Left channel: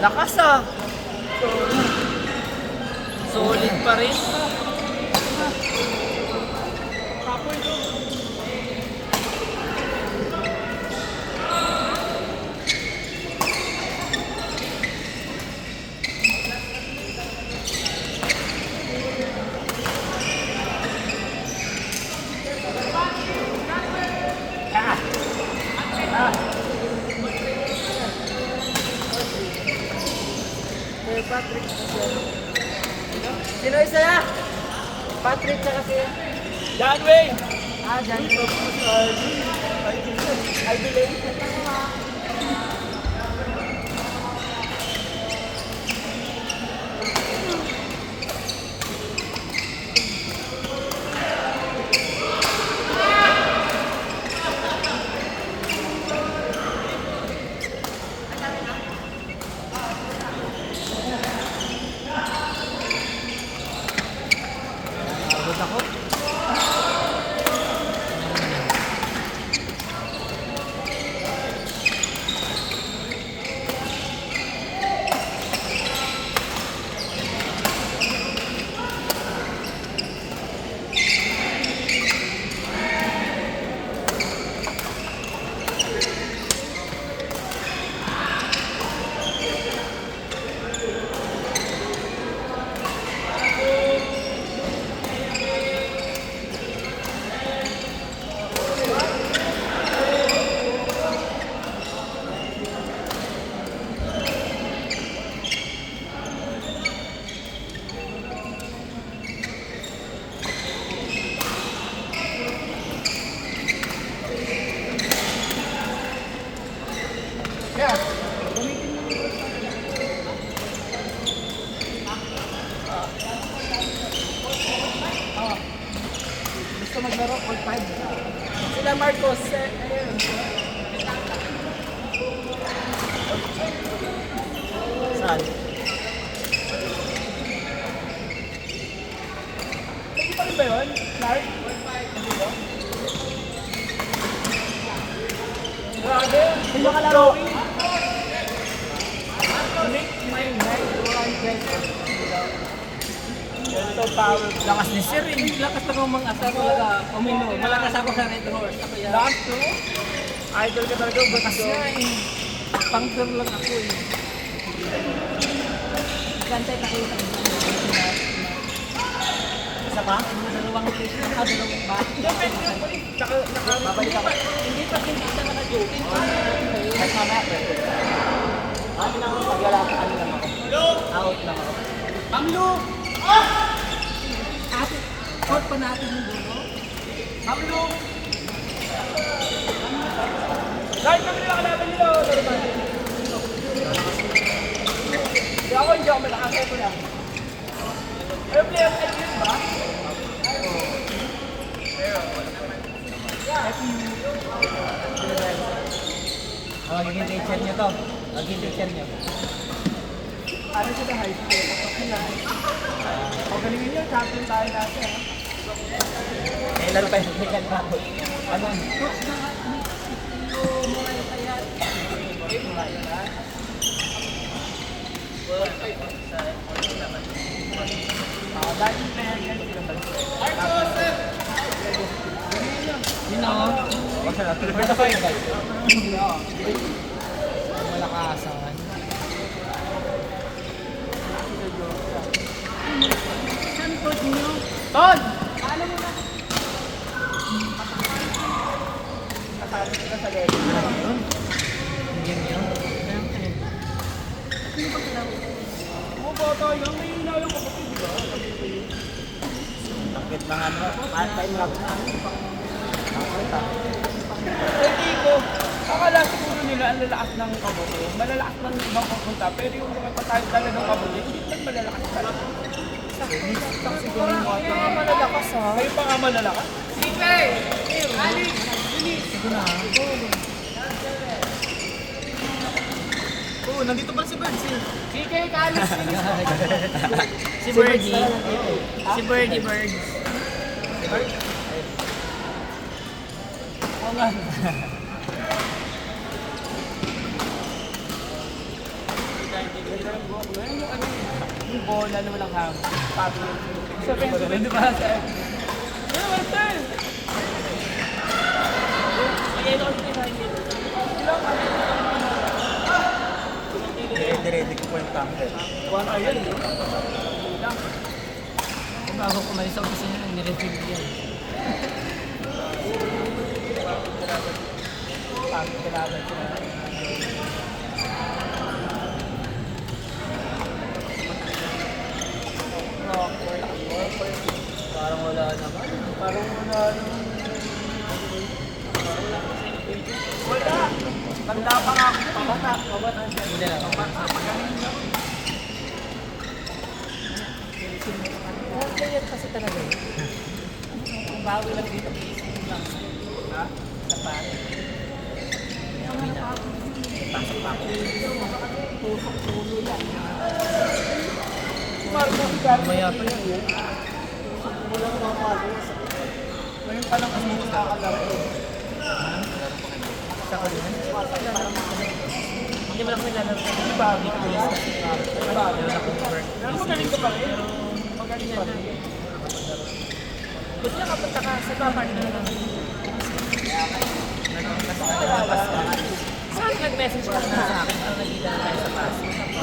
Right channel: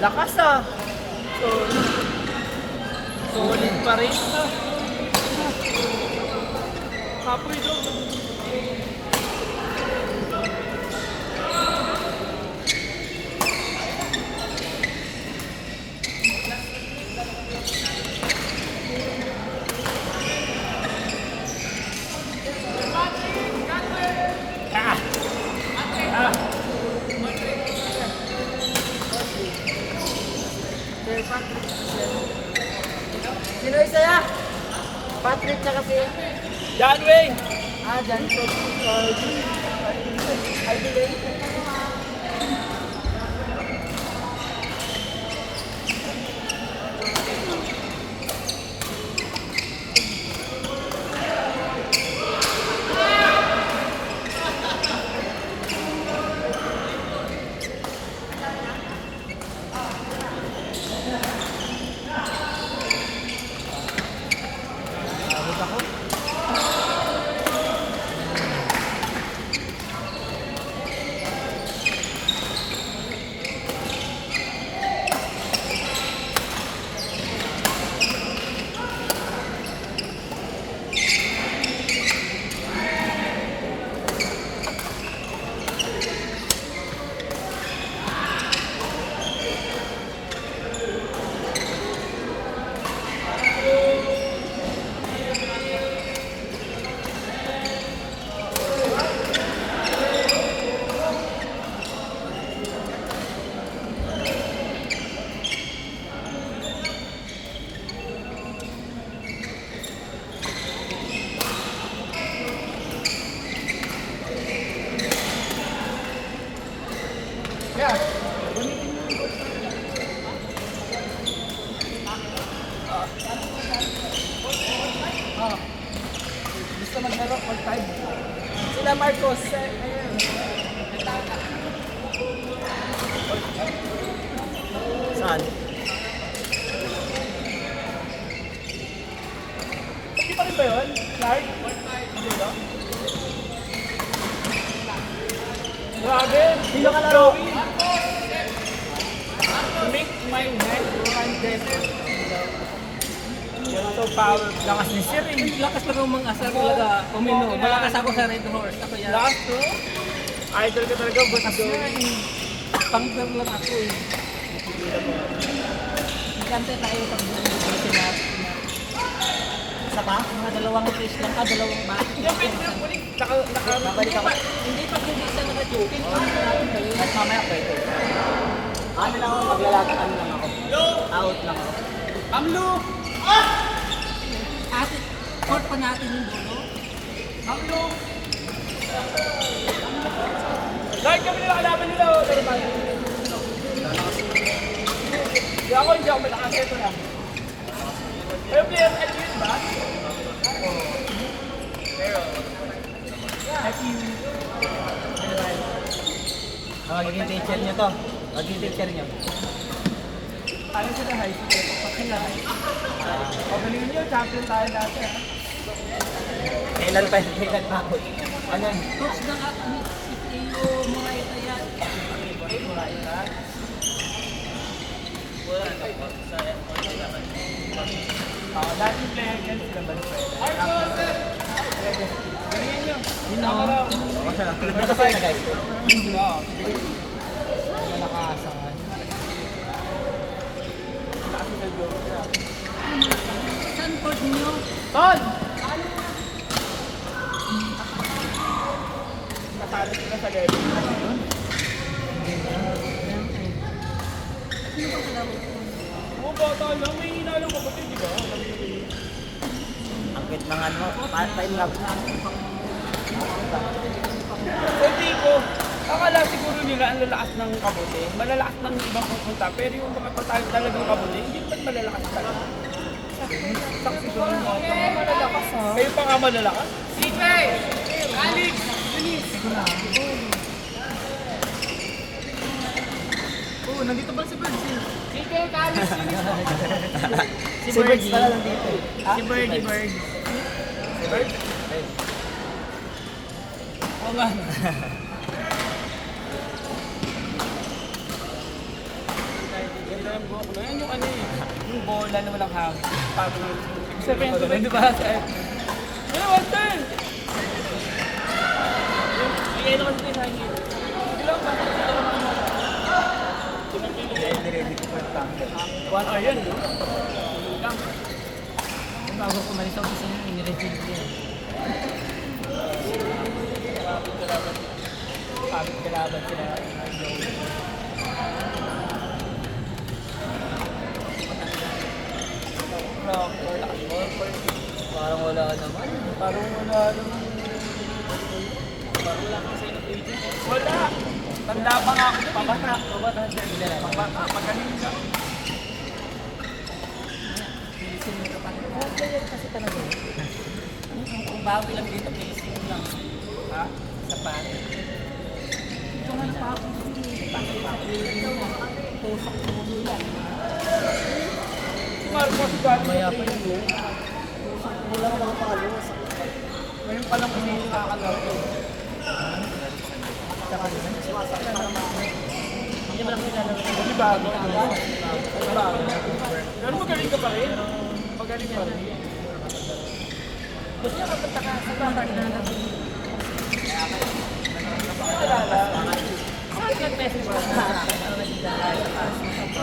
Lakas ah. Solid pa rin. Kapoy ito. Sino isa ya? Patrick sa kasi. John Wayne. Ah, dyan. Abot ako. Yeah. Oh. Gusto maglaro all time. Sila Marcos, ayun. Saan? Hindi pa rin ba yun? Clark? Grabe. Hilok Joey. Make my night. Yan so power. Lakas ni Sir, lakas lang ang mga asar talaga. Uminom. Malakas ako sa Red Horse. Ako yan. Last two. Idol ka talaga. Lakas Gusto. niya eh. Pangter lang ako eh. Kantay tayo sa isa pa? Mga dalawang fish lang. Ah, dalawang ba? Babalik ako. Hindi pa hindi isa naka-joking. Kahit mamaya pwede. Ano lang ako paglalata, ano lang ako. Out lang ako. Amlo! Ate, short pa natin yung dugo. Amlo! Kahit kami nila kalaban nila. Hindi ako malakas ito lang. May player at yun ba? Magiging teacher niyo to. Magiging teacher niyo. Ano siya na high school? Sila high school. O galingin nyo, champion tayo dati ah. Kailan pa yung kailan pa ako. Ano? Dating player yan sila ba? Yun na. Okay na. Basta kayo guys. Malakasan. Ton! Natalo sila sa level. Oo, baka tayo. May inalo ko kasi di ba? Bakit mga ano? Paano lang? Pwede ko. Akala siguro nila ang lalakas ng kabote. Malalakas ng ibang pupunta. Pero yung mga tayo talagang kabote, hindi pa malalakas talaga. Siguro yung mga Mga malalakas ha. kayo pa nga malalakas? Sige! Alex! Bilis! Oo, nandito pa si Birds eh. Sige, Alex! Bilis mo. Si Birdie. Si Birdie Birds. Oo nga. Ayan yung ano eh. Yung bola na walang hangin. Sabi niya. So, kaya sa di ba sa ano, Walter? Kaya ito kasi behind me. Ready ko po yung tanker. 1 hour yun. Kung bago kumalis sa office niyo, nirefill yan. Kailangan sila. Parang wala naman. Parang wala nung... Wala! Tanda pa nga. Pabata. Pabata siya. Wala naman. Kanina. Oh, player kasi talaga. Bawi lang dito. Pising lang. Ha? Sa pare. Maya pa yun. Ngayon pa lang kasi nakakalaro. Sa kanina. Hindi mo lang kailangan. Hindi ba? Hindi ko lang. Pero magaling ka pa rin. Magaling pa rin. Gusto niya kapunta ka sa baba niya. Saan nag-message ka sa akin? Ang nandito na tayo sa taas.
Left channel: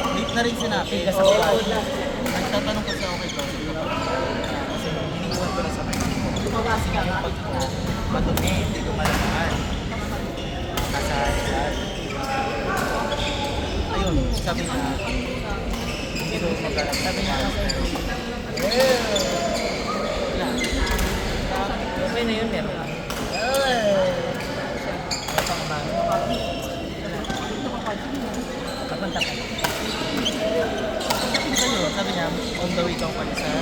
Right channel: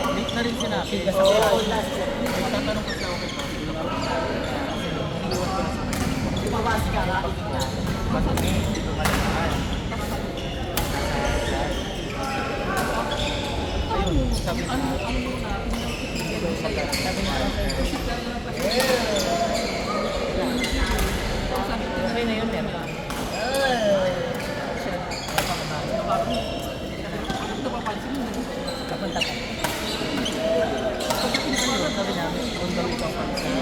Late na rin sinabi. Kasi ako Nagtatanong ko sa okay ko. lumawas ka. Ba't hindi ko malaman? Ayun, sabi ko. Hindi ko magkakaroon. Okay na yun, gano'n. Kapunta ka. Ayun, sabi niya, on the way to Pakistan.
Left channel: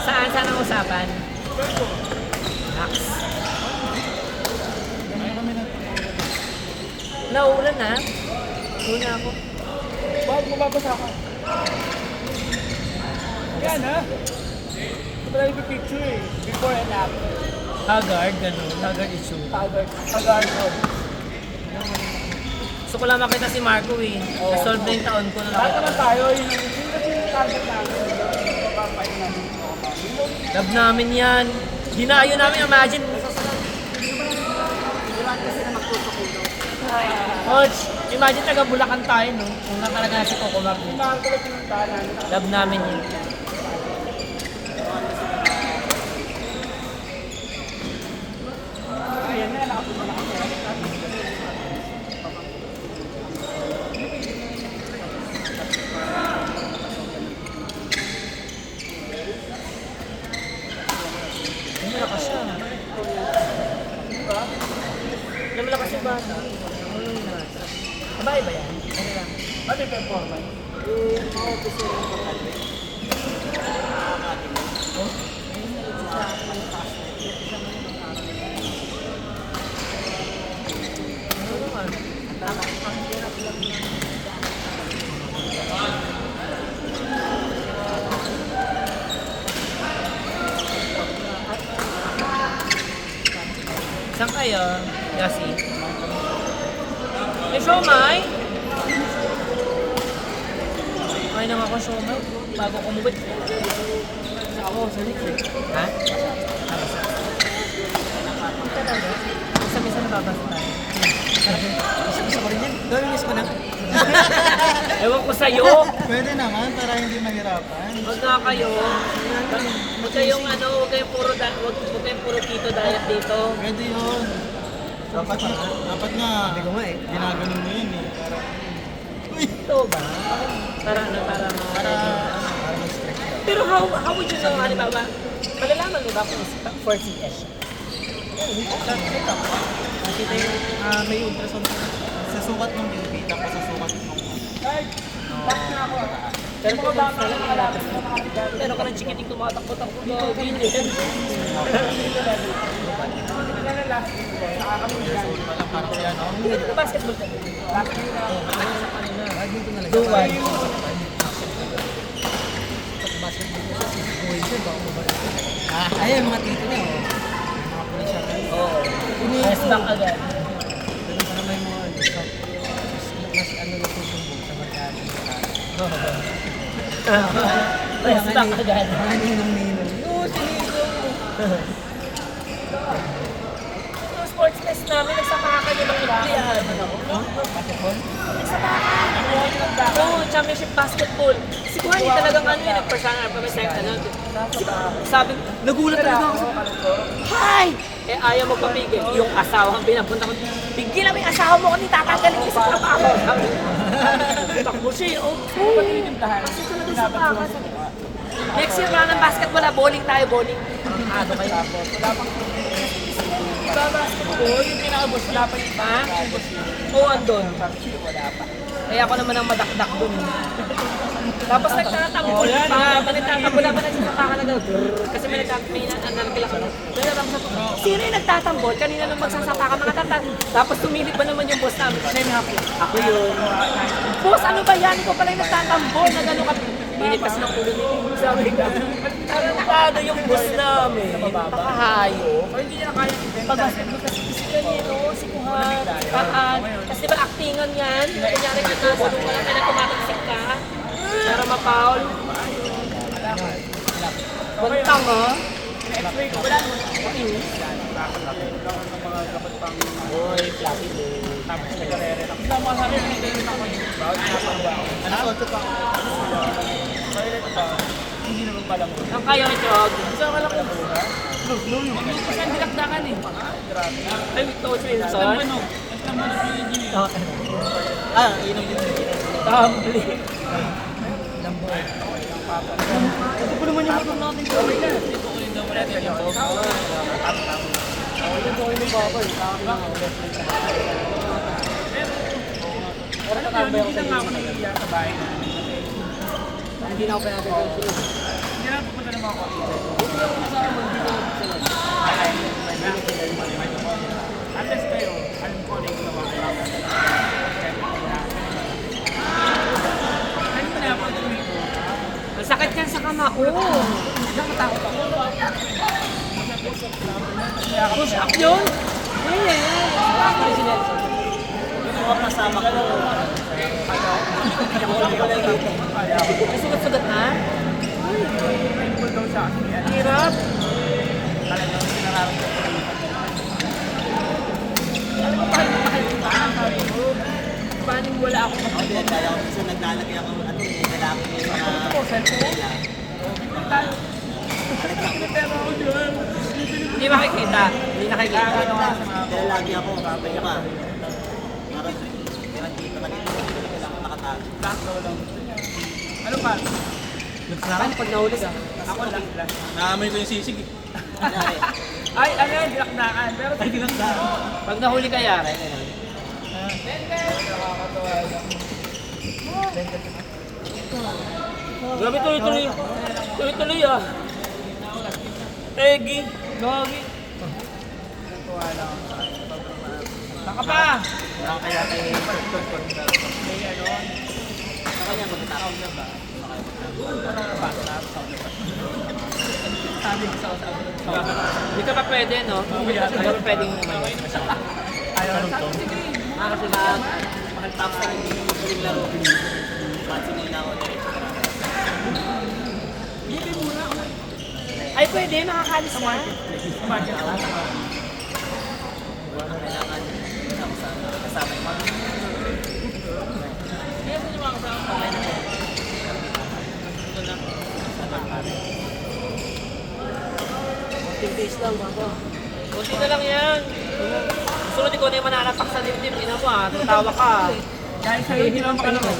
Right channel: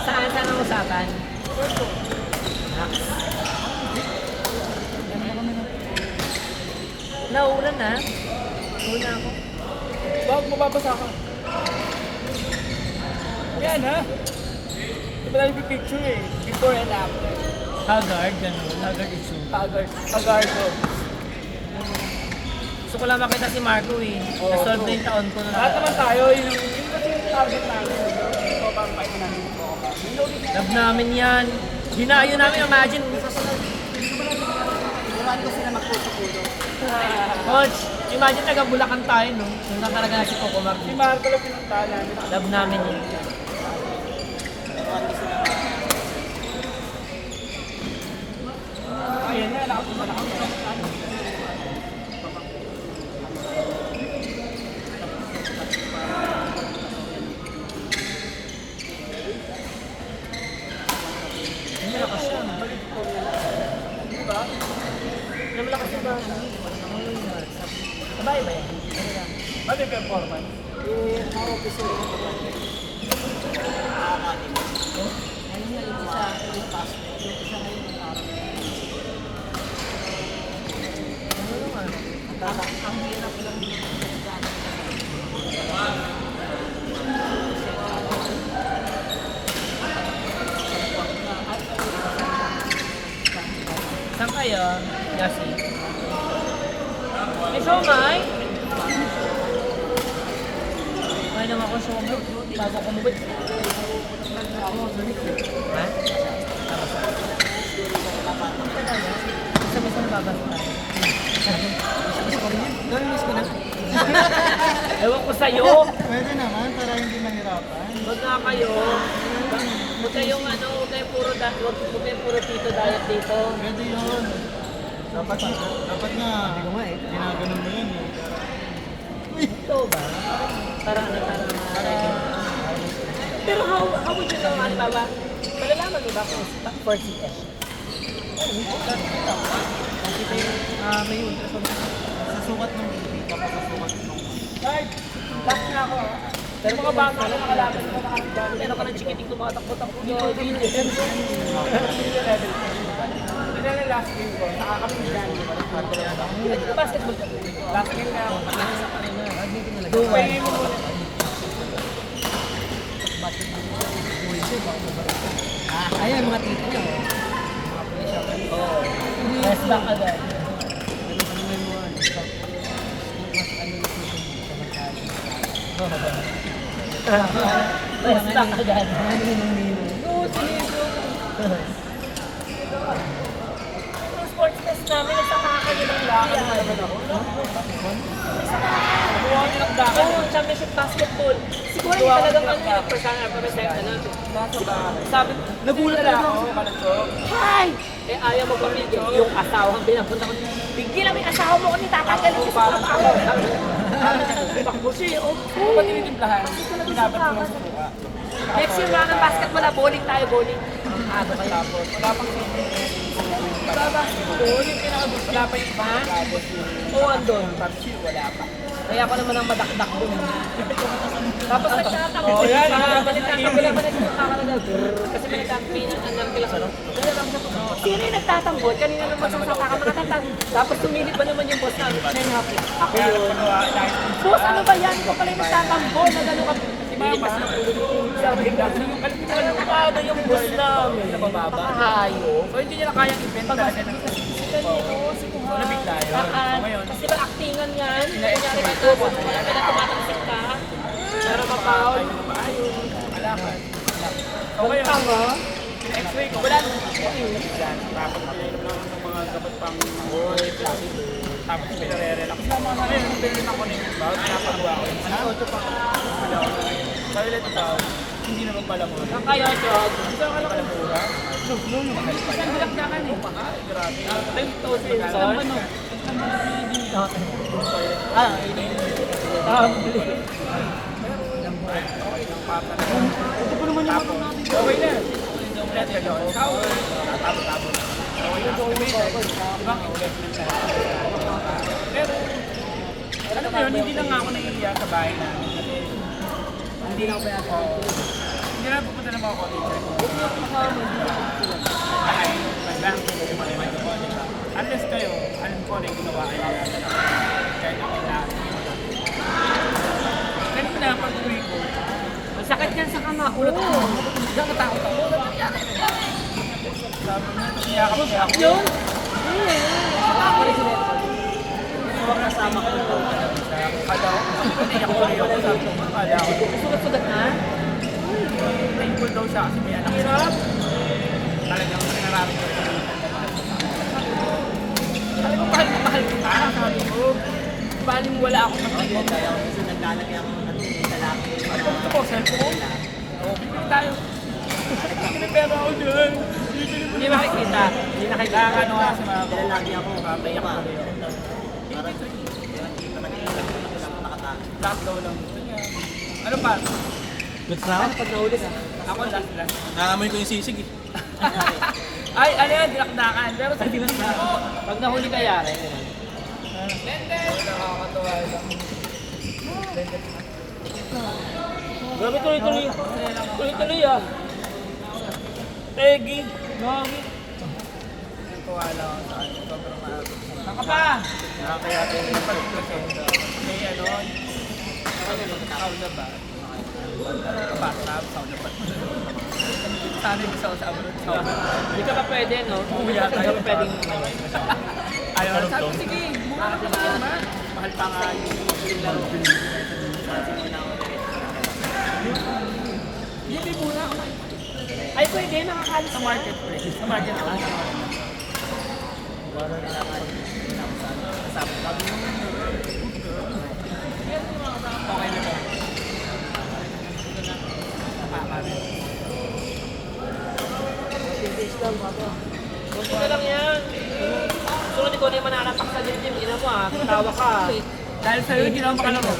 Saan ang usapan? Max. Naulan na. Ulan na ako. Bakit mababasa ka? Yan ha? Ito pala yung picture eh. Before and after. Haggard, gano'n. Haggard issue. Pag-art ko. Gusto ko lang makita si Marco eh. Solve na yung taon ko na Lahat nakita. naman tayo, yung kasi yung target namin. Ito pa ang kayo namin. Love namin yan. Dinayo namin, imagine. Coach, imagine taga Bulacan tayo, no? Kung nakaraga na si Coco Mark. Si Marco lang pinuntahan namin. Love namin yun. Ayan na, nakapunta na kami. Ay, malakas siya. Ay, malakas yung bata. Sabay ba yan? Ano lang? Ano yung performance? Ano naman? Saan kaya? Yasi? May siomay? May naman ako siomay. Bago ko mubit. Ha? Isa-isa na babasa tayo. Gusto ko rin yun. Miss ko na. Ewan ko sa'yo. Pwede naman, para hindi mahirapan. Huwag nga kayo. Huwag kayong ano, huwag kayong puro tito diet dito. Pwede yun. Dapat nga. Hindi ko nga eh. Ginaganon mo yun eh. Ito ba? Para ano, para pero how would you know, ano ba? Malalaman mo ba kung for CS siya? Kasi tayo, may ultrasound sa sukat ng baby, tapos sa sukat ng Ay, last na ako. Pero kung mababa lang pala, pero ka ng chikiting tumatakbo-takbo na hindi. Ano na last game ko? Nakakapagyan. Hindi ka basketball ka. Last game na ako. Duwan. Stuck ka dyan. Yung sports test namin, nagsamakan yung mga Indian. Oo, championship basketball. Siguro hindi talagang ano yun, nag-personal kami sa ano. Sabi, nagulat talaga ako. Hi! Eh, ayaw magpapigil. Yung asawang pinapunta ko, bigyan namin yung asawa mo kung tatanggal mo sa ako. Takbo siya, oh. Kasi talaga sa paka. Next year, wala ng basketball, bowling tayo, bowling. Ano kayo? Diba basketball? Yung pinakabos, wala pa yung Ha? Oo, andun. wala pa. Kaya ako naman ang madakdak dun. Tapos nagtatampo. Oh, yan, Nagtatampo lang pa nagsasaka na daw. Kasi may nagtatampo ko. Sino yung nagtatambol? Kanina nung magsasaka ka mga tatang. Tapos tumilip ba naman yung boss namin? Siya yung hapla. Ako yun. Boss, ano ba yan? Ikaw pala yung nagtatambol. Na gano'n ka. Pinipas na ulo niyo. Sabi ko, alam mo paano yung boss namin? Pakahayo. So, hindi niya na kayang event Pag-asap mo kasi si Danilo, si Kuhan, Taan. Kasi ba actingan yan? Kunyari ka to, bulong ka lang, pinatumatansin ka. Pero mapaul. Huwag tanga. X-ray ko, wala. Uy, flappy day. Tapos pinare-relax. Naman na rin, hindi ako yung bawal. Nakapagawa ko. Ano? Dahil ito pa, hindi naman pala mo. Ang kayo, Jog. Isa ka lang po, ha? Kasi ang dilakdakan eh. Ay, ito, sensor. Yun ang yun. Tumbling. Ito pa naman yung motor natin. Okay na. Pero, alam mo yun, hindi na nga ako naiiyak sa bahay na. Hindi na ako pinatay. Hindi na pupunta na mga computer. Unless kayo, alam ko na yung ginawa kayo. Kahit ako na. Ganito na ako ang tuwi ko. Masakit yan sa kama. Oo. Nakatakot ako. Push up yun. Sugat-sugat na? Thankful daw siya. Kasi may anak. Hirap. Talagang hindi nararamdaman ko yung alam mo, kahit mahal ko ba? Sabi ko, paling wala ako kapatid. Kasi naglalagay ako ng lalaki. Ito po, siyempre. Bigyan tayo. Pero ako dyan. Hindi makikita. Hindi nakikita. Nakakano nga sa mga Nilalagay ako. Babay pa. last daw lang. Ano pa? Saan pag nahuli ka? Ako last. Naamoy ko yung sisig eh. Ay, ayun, dilakdakan. Pero sa dilakdakan. Pag nahuli ka, yari. Ano? Nakakatawa lang. Grabe tuloy-tuloy. Tuloy-tuloy ah. Egi. Gagi. Tuwa lang. Baka pa! Kaya May ano? Sabi ko sa usapan. Dito ka pwede, no? Dito ka pwedeng Ayaw. Sige. mahal pa sa Hindi muna. Ay, pwede. Makakalis Sa na. marketplace. Sa marketplace. Days lang, mga kunti na lang yan. Sunod ko na yung mananapak sa dibdib. Ina mo ah, tatawa ka. Dahil sa'yo, hindi naman makalabas.